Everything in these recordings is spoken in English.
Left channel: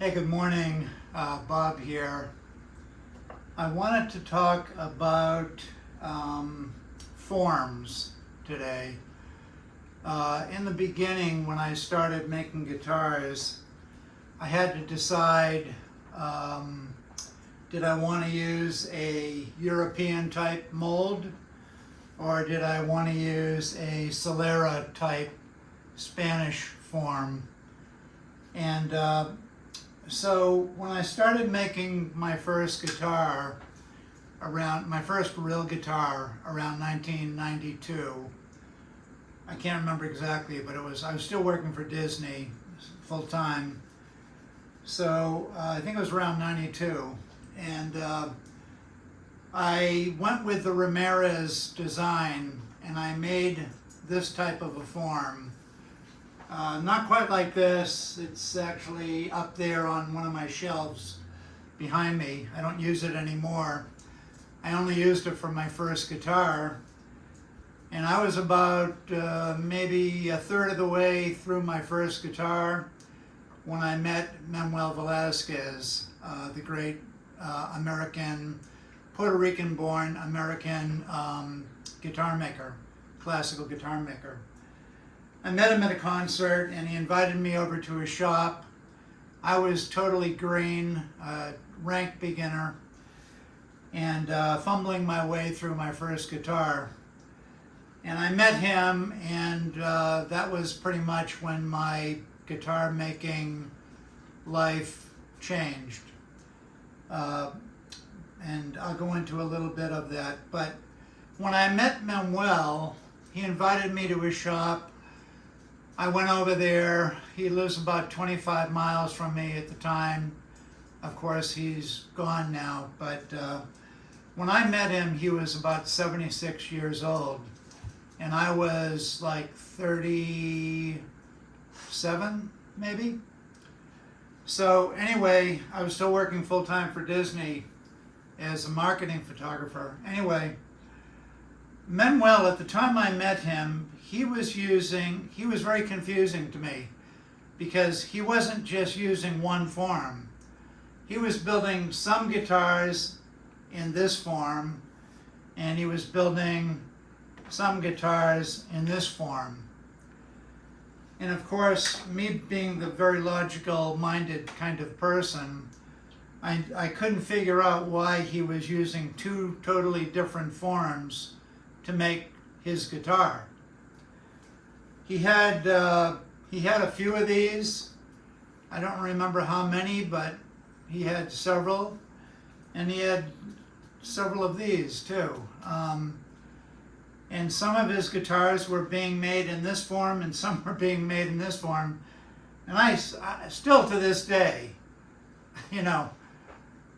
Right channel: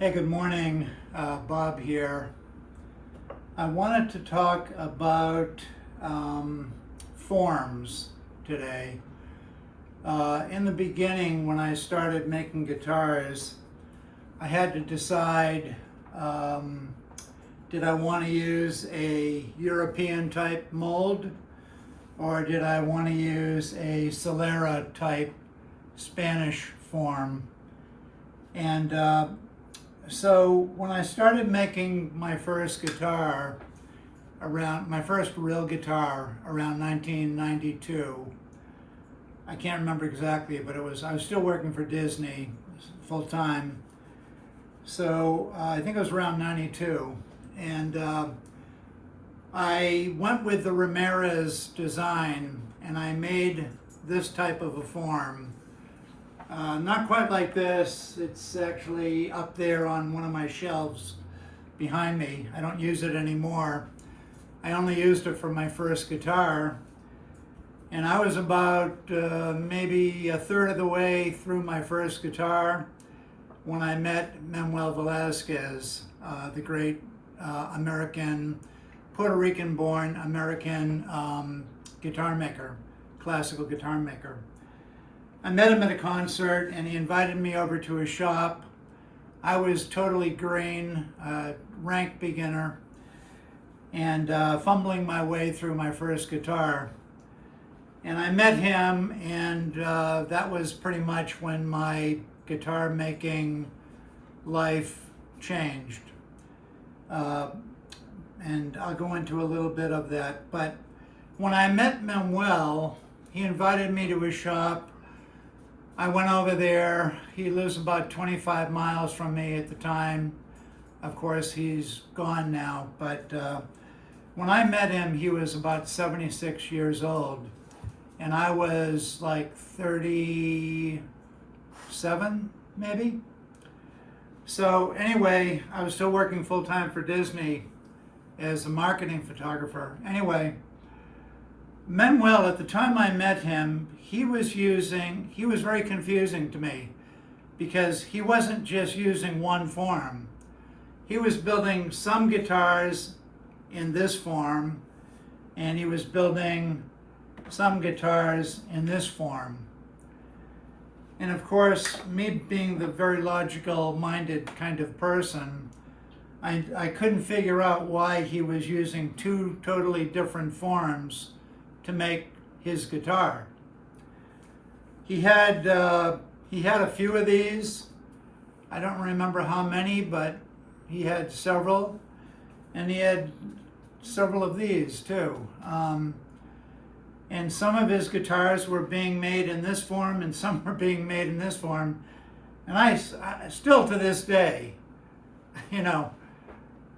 Hey, good morning. Bob here. I wanted to talk about forms today. In the beginning, when I started making guitars, I had to decide, did I want to use a European type mold, or did I want to use a Solera type Spanish form? And so when I started making my first guitar, my first real guitar around 1992, I can't remember exactly, but I was still working for Disney full time. So I think it was around 92. And I went with the Ramirez design, and I made this type of a form. Not quite like this. It's actually up there on one of my shelves behind me. I don't use it anymore. I only used it for my first guitar. And I was about maybe a third of the way through my first guitar when I met Manuel Velazquez, the great Puerto Rican-born American guitar maker, classical guitar maker. I met him at a concert and he invited me over to his shop. I was totally green, rank beginner, and fumbling my way through my first guitar. And I met him, and that was pretty much when my guitar making life changed. And I'll go into a little bit of that. But when I met Manuel, he invited me to his shop. I went over there. He lives about 25 miles from me at the time. Of course, he's gone now, but when I met him, he was about 76 years old, and I was like 37, maybe. So anyway, I was still working full-time for Disney as a marketing photographer. Anyway, Manuel, at the time I met him, he was very confusing to me because he wasn't just using one form. He was building some guitars in this form, and he was building some guitars in this form. And of course, me being the very logical-minded kind of person, I couldn't figure out why he was using two totally different forms to make his guitar. He had a few of these. I don't remember how many, but he had several, and he had several of these too. And some of his guitars were being made in this form, and some were being made in this form. And I still to this day,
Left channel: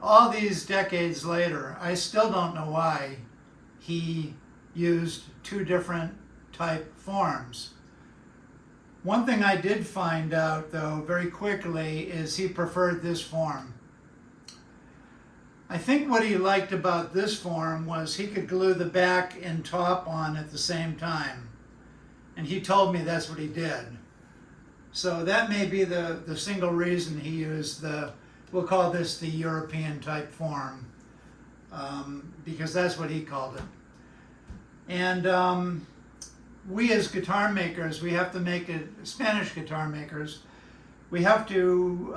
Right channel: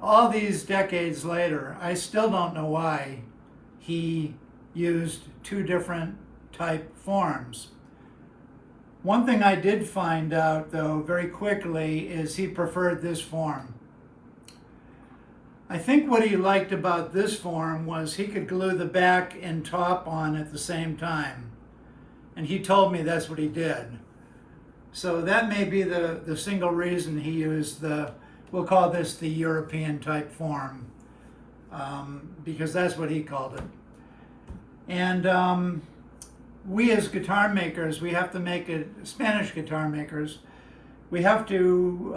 all these decades later, I still don't know why he used two different type forms. One thing I did find out, though, very quickly is he preferred this form. I think what he liked about this form was he could glue the back and top on at the same time. And he told me that's what he did. So that may be the single reason he used we'll call this the European type form, because that's what he called it. And we as guitar makers, we have to make it, Spanish guitar makers, we have to,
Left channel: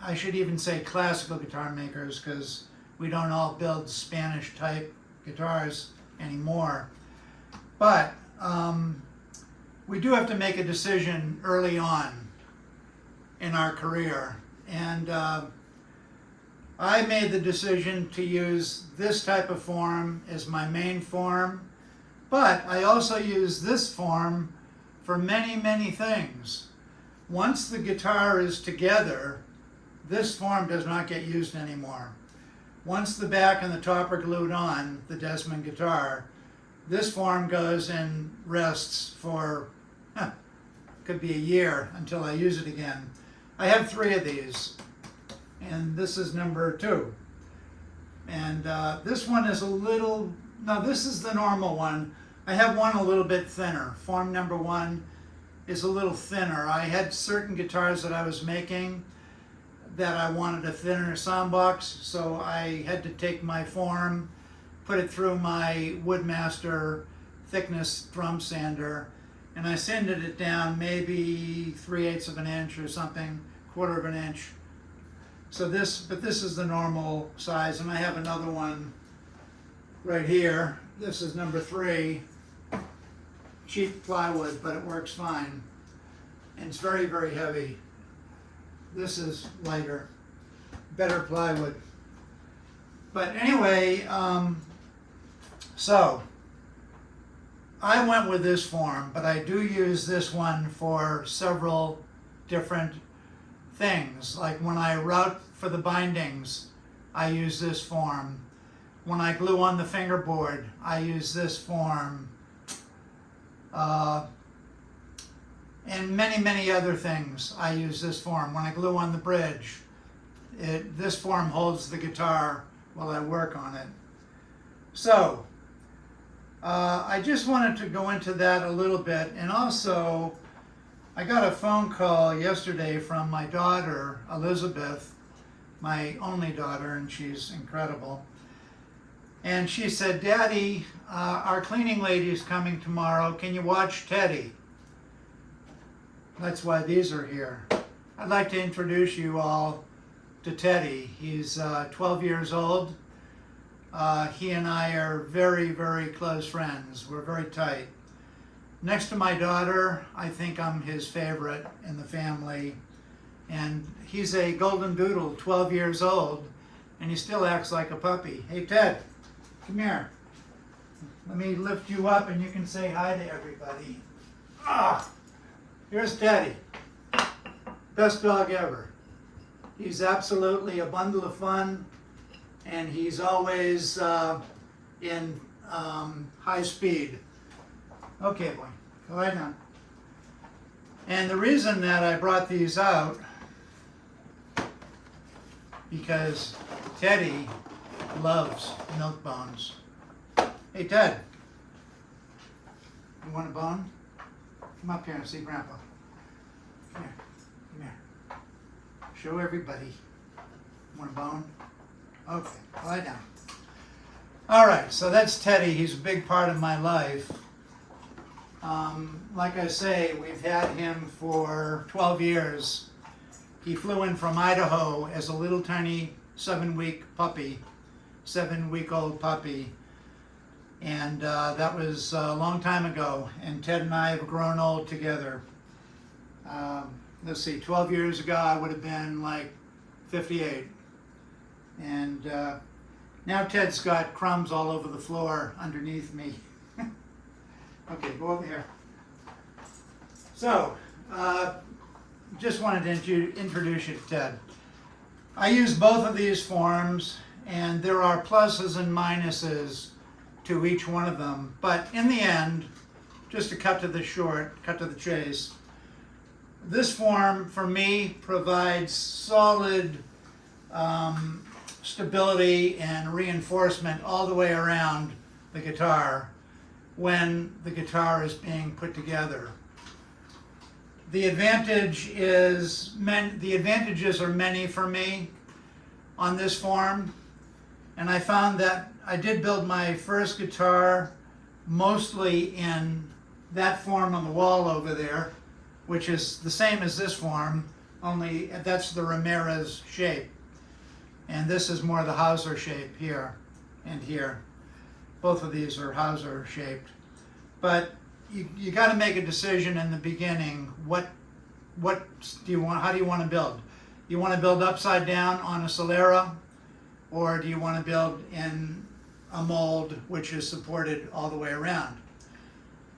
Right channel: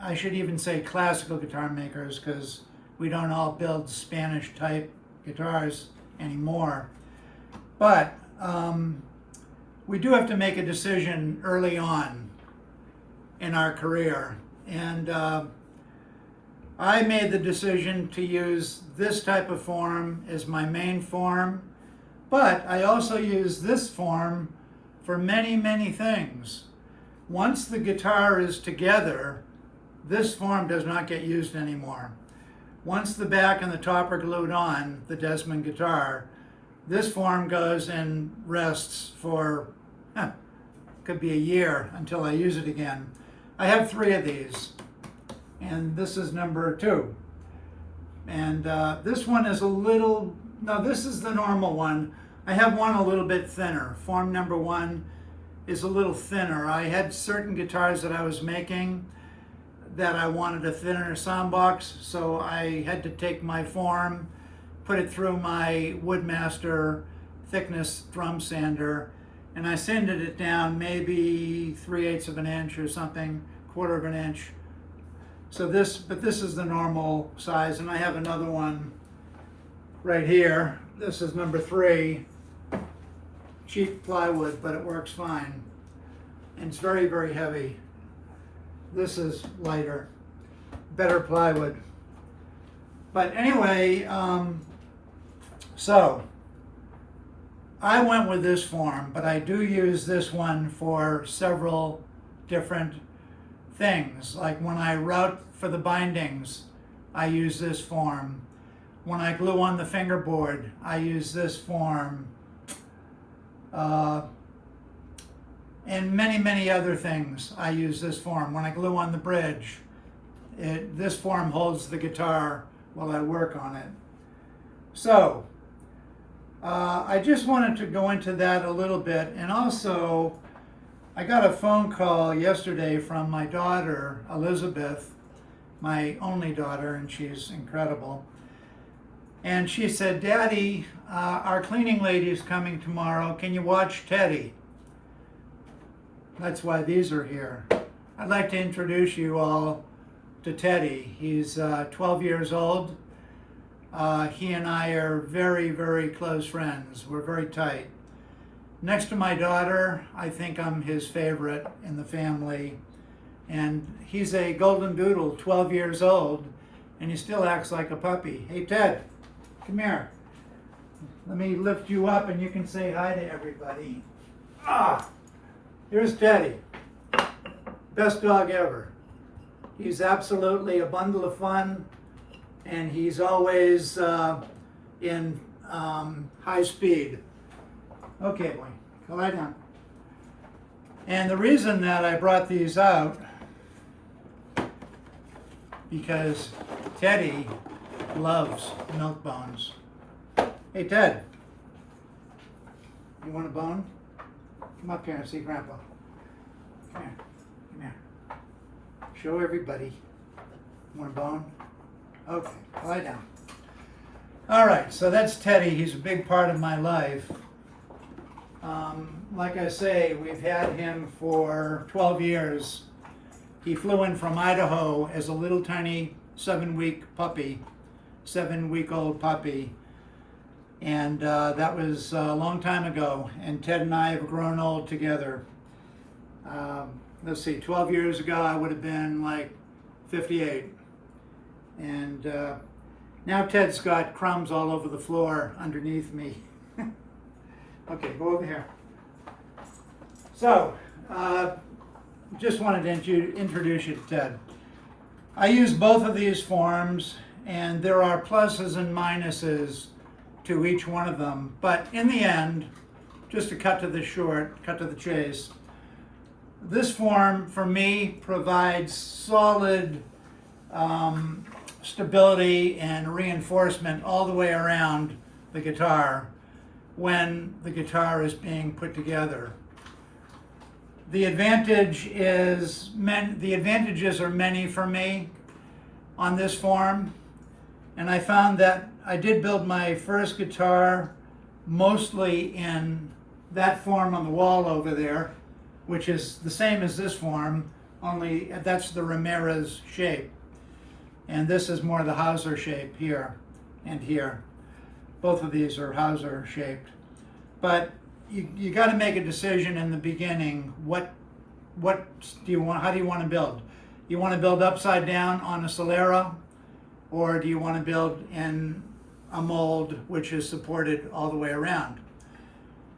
I should even say classical guitar makers, because we don't all build Spanish type guitars anymore. But we do have to make a decision early on in our career. And I made the decision to use this type of form as my main form, but I also use this form for many, many things. Once the guitar is together, this form does not get used anymore. Once the back and the top are glued on the Desmond guitar, this form goes and rests for, could be a year until I use it again. I have 3 of these, and this is number 2. And this one is this is the normal one. I have one a little bit thinner. Form number 1 is a little thinner. I had certain guitars that I was making that I wanted a thinner sound box, so I had to take my form, put it through my Woodmaster thickness drum sander, and I sanded it down maybe 3/8 of an inch or something, 1/4 of an inch. So this is the normal size, and I have another one right here. This is number 3, cheap plywood, but it works fine. And it's very, very heavy. This is lighter, better plywood. But anyway, so I went with this form, but I do use this one for several different things. Like when I route for the bindings, I use this form. When I glue on the fingerboard, I use this form. And many, many other things, I use this form. When I glue on the bridge, this form holds the guitar while I work on it. So, I just wanted to go into that a little bit. And also, I got a phone call yesterday from my daughter, Elizabeth, my only daughter, and she's incredible. And she said, "Daddy, our cleaning lady's coming tomorrow. Can you watch Teddy?" That's why these are here. I'd like to introduce you all to Teddy. He's 12 years old. He and I are very, very close friends. We're very tight. Next to my daughter, I think I'm his favorite in the family. And he's a golden doodle, 12 years old, and he still acts like a puppy. Hey, Ted, come here. Let me lift you up and you can say hi to everybody. Here's Teddy. Best dog ever. He's absolutely a bundle of fun, and he's always in high speed. Okay, boy, go lie down. And the reason that I brought these out, because Teddy loves milk bones. Hey, Ted, you want a bone? Come up here and see Grandpa. Come here, come here. Show everybody. Want a bone? Okay, lie down. All right, so that's Teddy. He's a big part of my life. Like I say, we've had him for 12 years. He flew in from Idaho as a little tiny 7-week-old puppy. And that was a long time ago. And Ted and I have grown old together. Let's see, 12 years ago, I would have been like 58. And now Ted's got crumbs all over the floor underneath me. Okay, go over here. So, just wanted to introduce you to Ted. I use both of these forms, and there are pluses and minuses to each one of them. But in the end, just to cut to the chase, this form for me provides solid stability and reinforcement all the way around the guitar when the guitar is being put together. The advantages are many for me on this form, and I found that I did build my first guitar mostly in that form on the wall over there, which is the same as this form, only that's the Ramirez shape. And this is more the Hauser shape here and here. Both of these are Hauser shaped. But you got to make a decision in the beginning. What do you want? How do you want to build? You want to build upside down on a Solera, or do you want to build in a mold which is supported all the way around?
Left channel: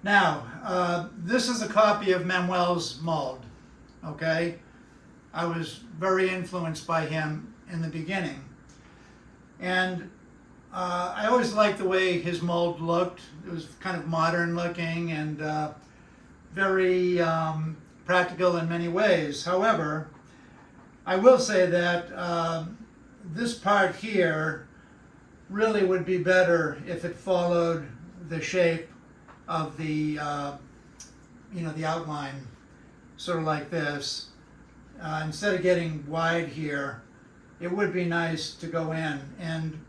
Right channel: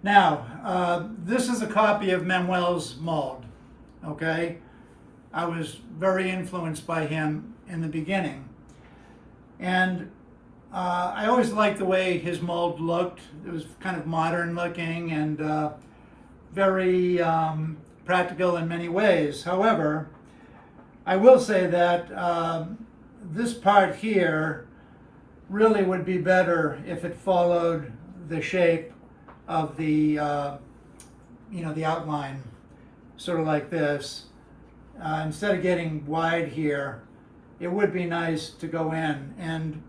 Now, this is a copy of Manuel's mold. Okay, I was very influenced by him in the beginning, and I always liked the way his mold looked. It was kind of modern looking and very practical in many ways. However, I will say that this part here really would be better if it followed the shape of the the outline, sort of like this. instead of getting wide here, it would be nice to go in. And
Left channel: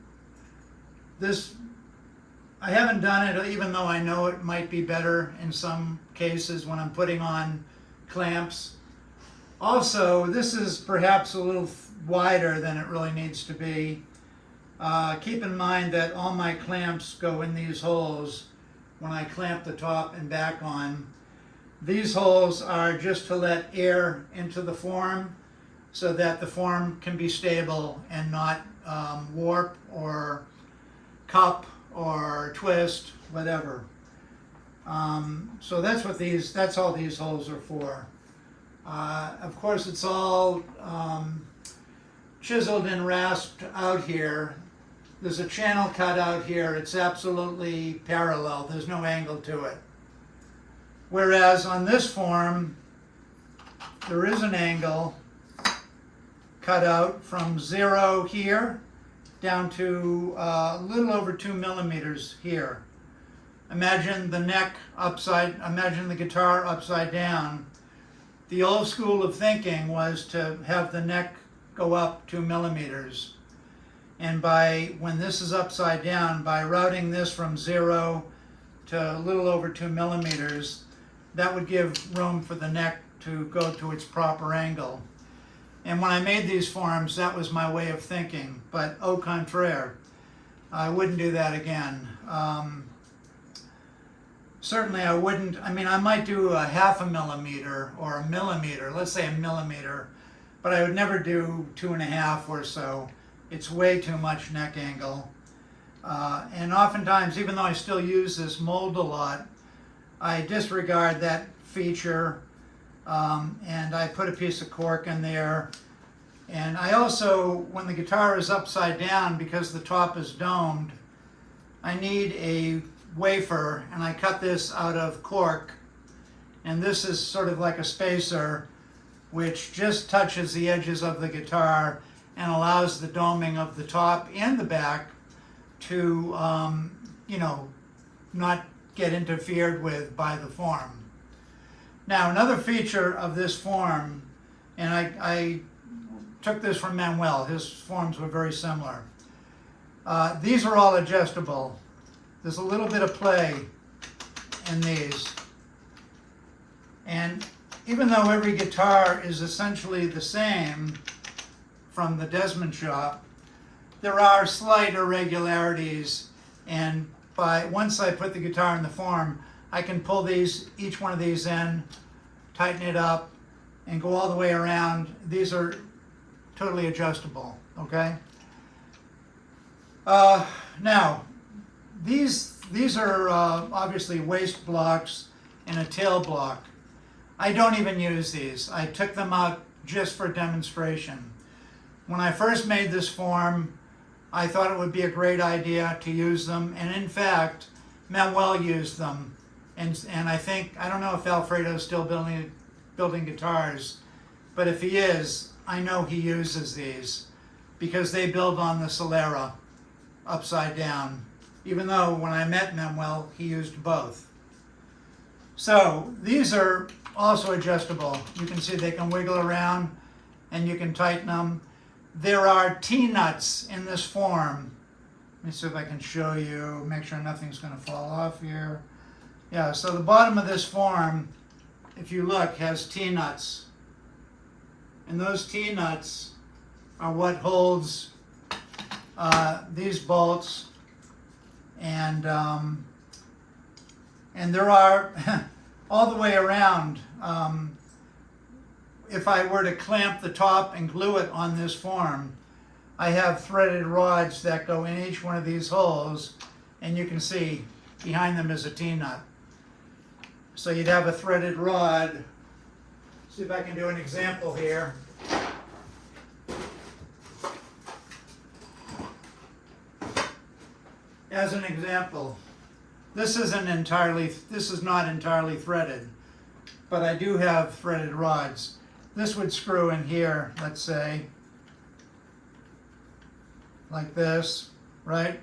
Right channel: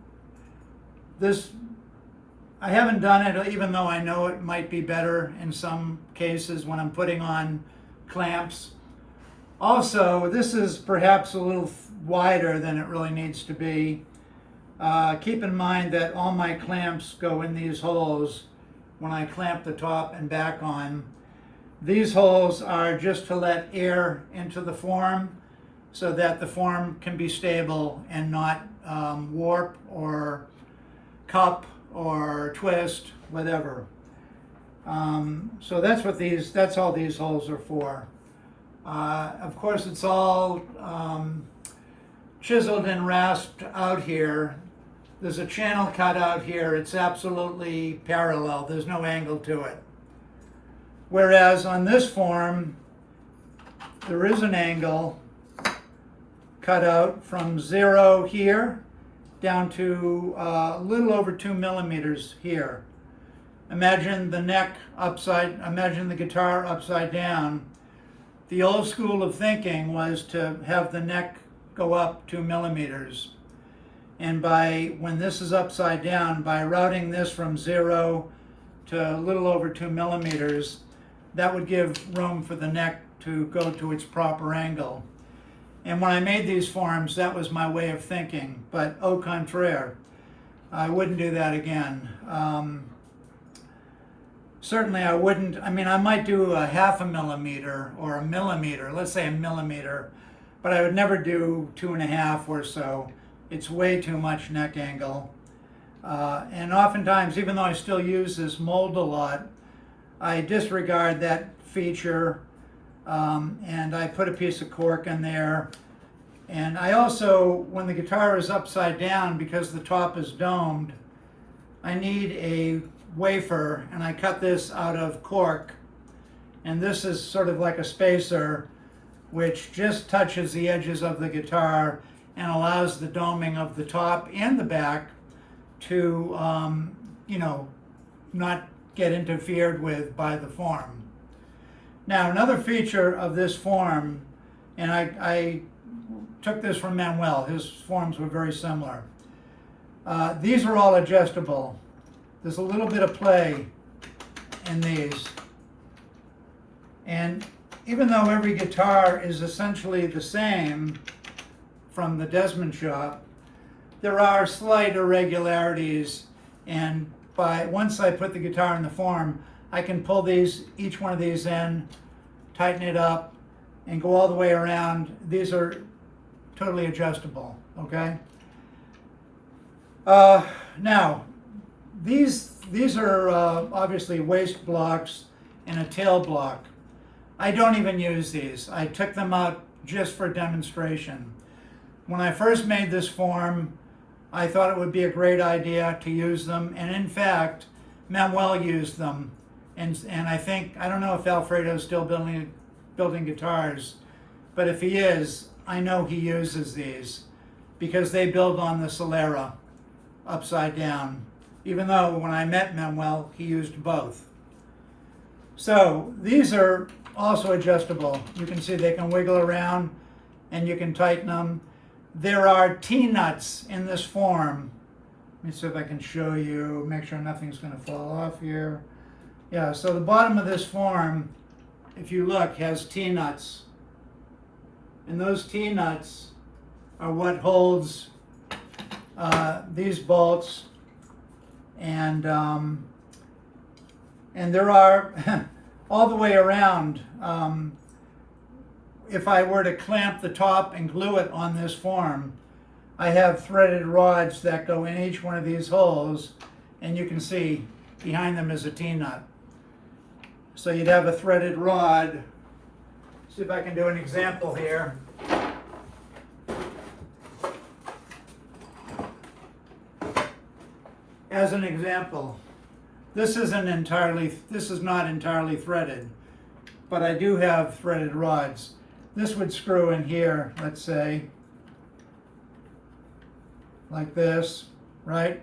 this, I haven't done it, even though I know it might be better in some cases when I'm putting on clamps. Also, this is perhaps a little wider than it really needs to be. Keep in mind that all my clamps go in these holes when I clamp the top and back on. These holes are just to let air into the form so that the form can be stable and not warp or cup or twist, whatever. So that's all these holes are for. Of course, it's all chiseled and rasped out here. There's a channel cut out here. It's absolutely parallel. There's no angle to it. Whereas on this form, there is an angle cut out from 0 here down to a little over 2 millimeters here. Imagine the guitar upside down. The old school of thinking was to have the neck go up 2 millimeters. And when this is upside down, by routing this from 0 to a little over 2 millimeters, that would give room for the neck to go to its proper angle. And when I made these forms, that was my way of thinking, but au contraire, I wouldn't do that again. Certainly I wouldn't, I might do a 0.5 millimeter or a millimeter, let's say a millimeter, but I would never do 2.5 or so. It's way too much neck angle. And oftentimes, even though I still use this mold a lot, I disregard that feature, and I put a piece of cork in there. And I also, when the guitar is upside down, because the top is domed, I need a wafer, and I cut this out of cork. And this is sort of like a spacer, which just touches the edges of the guitar and allows the doming of the top and the back to, not get interfered with by the form. Now, another feature of this form, and I took this from Manuel, his forms were very similar. These are all adjustable. There's a little bit of play in these. And even though every guitar is essentially the same from the Desmond shop, there are slight irregularities, and once I put the guitar in the form, I can pull each one of these in, tighten it up, and go all the way around. These are totally adjustable, okay? Now, these are obviously waist blocks and a tail block. I don't even use these. I took them out just for demonstration. When I first made this form, I thought it would be a great idea to use them, and in fact, Manuel used them. And I don't know if Alfredo's still building guitars, but if he is, I know he uses these because they build on the Solera upside down, even though when I met Manuel, he used both. So these are also adjustable. You can see they can wiggle around and you can tighten them. There are T-nuts in this form. Let me see if I can show you, make sure nothing's going to fall off here. Yeah, so the bottom of this form, if you look, has T-nuts. And those T-nuts are what holds these bolts. And there are, all the way around, if I were to clamp the top and glue it on this form, I have threaded rods that go in each one of these holes, and you can see behind them is a T-nut. So you'd have a threaded rod. See if I can do an example here. As an example, this is not entirely threaded, but I do have threaded rods. This would screw in here, let's say, like this, right?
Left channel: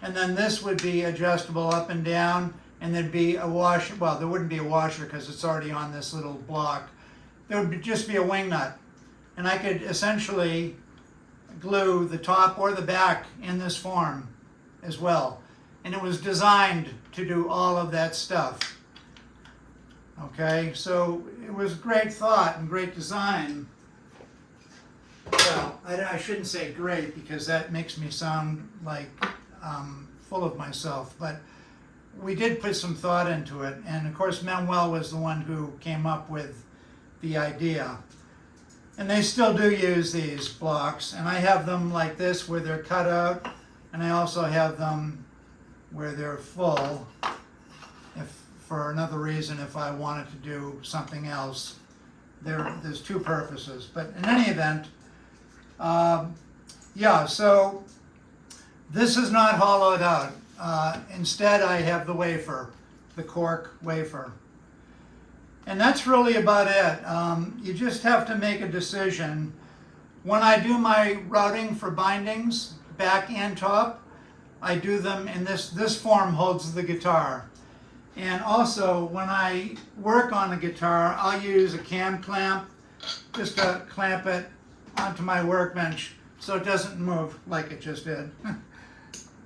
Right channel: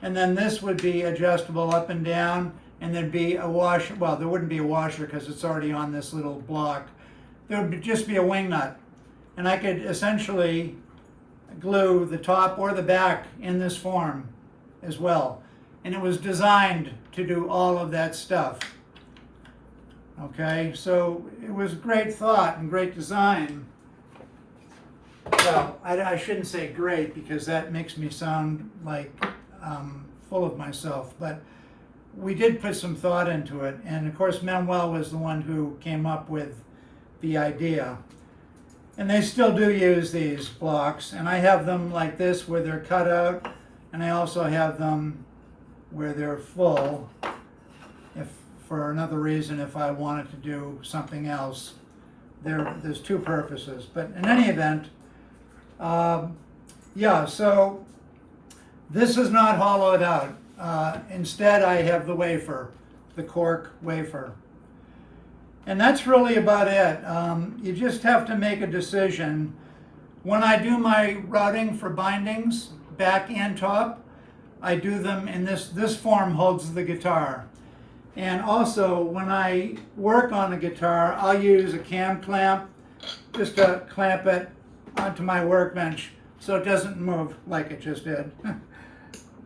And then this would be adjustable up and down, and there'd be a washer. Well, there wouldn't be a washer because it's already on this little block. There would just be a wing nut and I could essentially glue the top or the back in this form as well. And it was designed to do all of that stuff. Okay, so it was great thought and great design. Well, I shouldn't say great because that makes me sound like full of myself, but we did put some thought into it. And of course, Manuel was the one who came up with the idea. And they still do use these blocks, and I have them like this where they're cut out, and I also have them where they're full, if for another reason, if I wanted to do something else. There's two purposes, but in any event, yeah, so this is not hollowed out. Instead, I have the wafer, the cork wafer. And that's really about it. You just have to make a decision. When I do my routing for bindings, back and top, I do them in this form holds the guitar. And also, when I work on the guitar, I'll use a cam clamp just to clamp it onto my workbench so it doesn't move like it just did.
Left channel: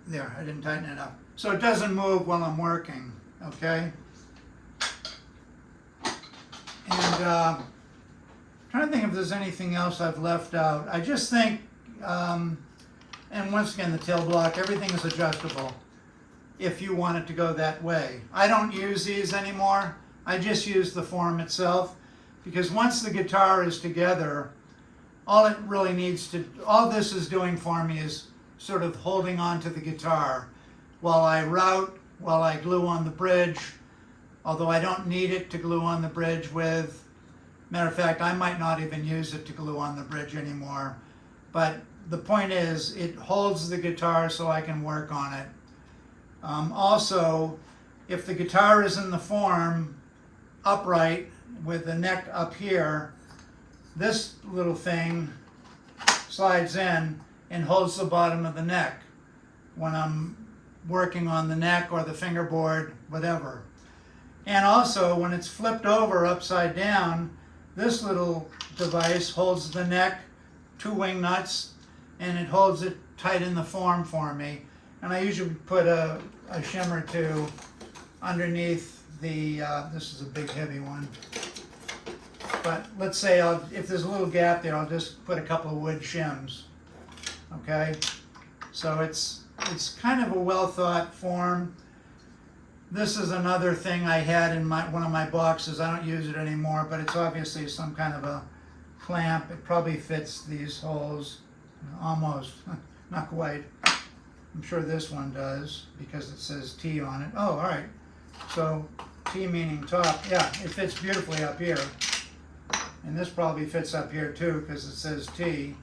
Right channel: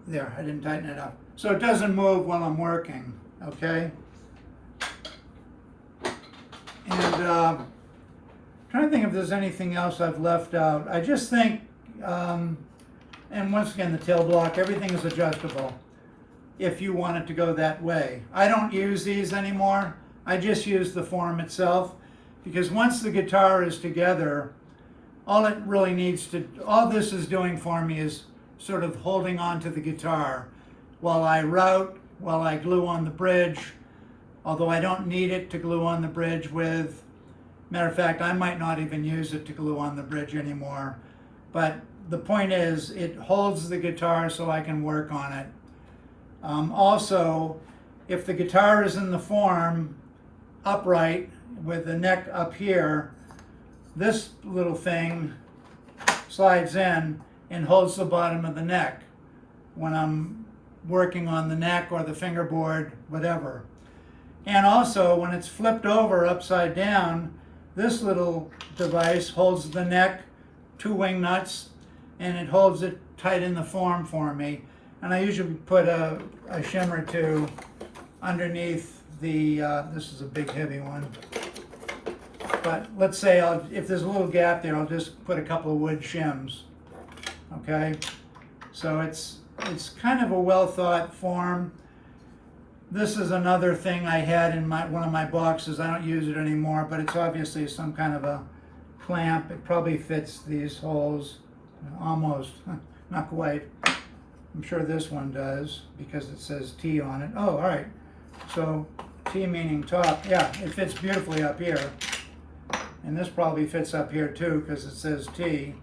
There, I didn't tighten it up. So it doesn't move while I'm working, okay? And trying to think if there's anything else I've left out. I just think, and once again, the tail block, everything is adjustable if you want it to go that way. I don't use these anymore. I just use the form itself because once the guitar is together, all this is doing for me is sort of holding on to the guitar while I route, while I glue on the bridge, although I don't need it to glue on the bridge with. Matter of fact, I might not even use it to glue on the bridge anymore. But the point is, it holds the guitar so I can work on it. Also, if the guitar is in the form upright with the neck up here, this little thing slides in and holds the bottom of the neck when I'm working on the neck or the fingerboard, whatever. And also, when it's flipped over upside down, this little device holds the neck, two wing nuts, and it holds it tight in the form for me. And I usually put a shim or two underneath the, this is a big heavy one. But let's say if there's a little gap there, I'll just put a couple of wood shims, okay? So it's kind of a well thought form. This is another thing I had in one of my boxes. I don't use it anymore, but it's obviously some kind of a clamp. It probably fits these holes, almost, not quite. I'm sure this one does because it says T on it. Oh, all right. So T meaning top. Yeah, it fits beautifully up here. And this probably fits up here too because it says T.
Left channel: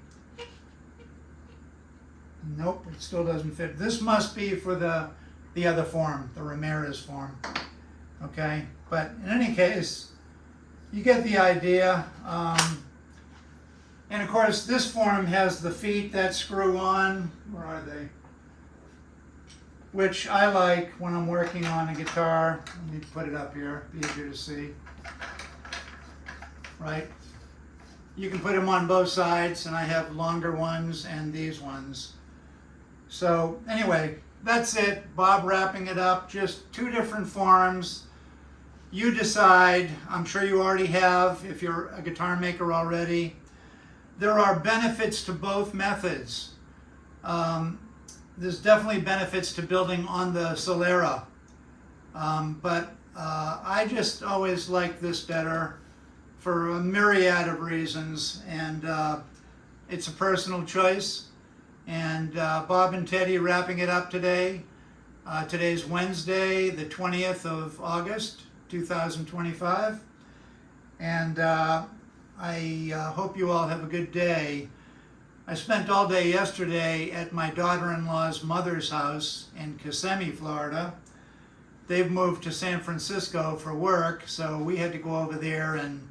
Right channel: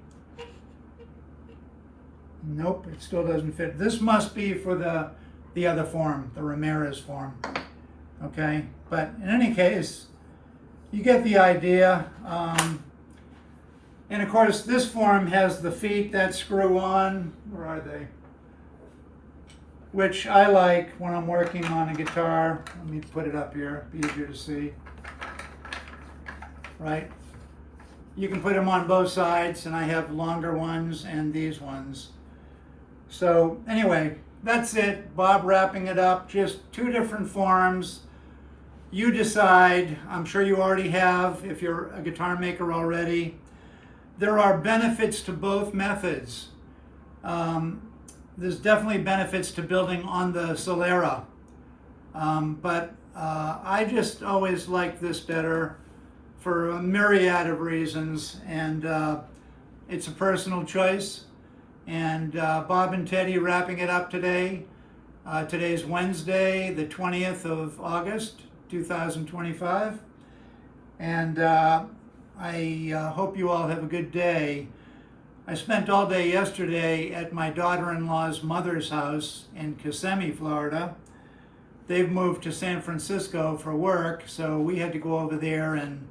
Nope, it still doesn't fit. This must be for the other form, the Ramirez form. Okay, but in any case, you get the idea. And of course, this form has the feet that screw on. Where are they? Which I like when I'm working on a guitar. Let me put it up here, be easier to see. Right? You can put them on both sides, and I have longer ones and these ones. So anyway, that's it. Bob wrapping it up. Just two different forms. You decide. I'm sure you already have if you're a guitar maker already. There are benefits to both methods. There's definitely benefits to building on the Solera. But I just always like this better for a myriad of reasons. And it's a personal choice. And Bob and Teddy wrapping it up today. Today's Wednesday, the 20th of August, 2025. And I hope you all have a good day. I spent all day yesterday at my daughter-in-law's mother's house in Kissimmee, Florida. They've moved to San Francisco for work, so we had to go over there and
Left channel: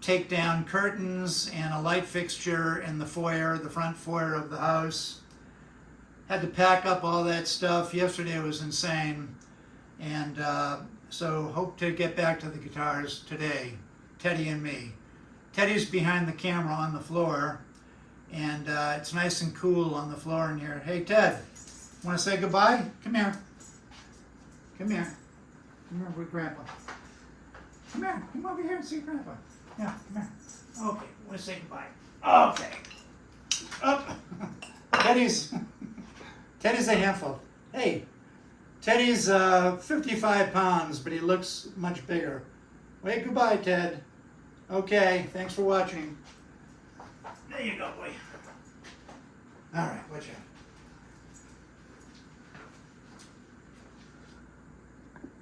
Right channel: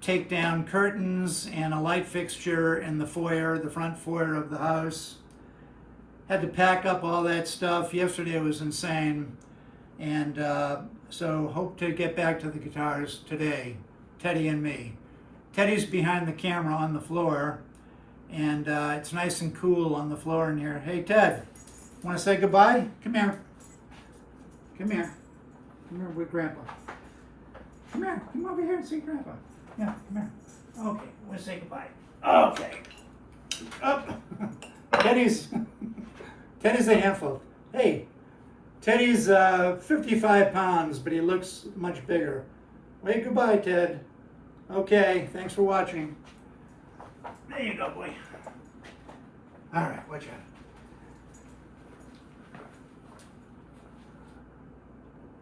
take down curtains and a light fixture in the foyer, the front foyer of the house. Had to pack up all that stuff. Yesterday was insane. And so hope to get back to the guitars today, Teddy and me. Teddy's behind the camera on the floor, and it's nice and cool on the floor in here. Hey, Ted, want to say goodbye? Come here. Come here. Come here with Grandpa. Come here. Come over here and see Grandpa. Yeah, come here. Okay, want to say goodbye. Okay. Up. Teddy's a handful. Hey, Teddy's 55 pounds, but he looks much bigger. Wave goodbye, Ted. Okay, thanks for watching. There you go, boy. All right, watch out.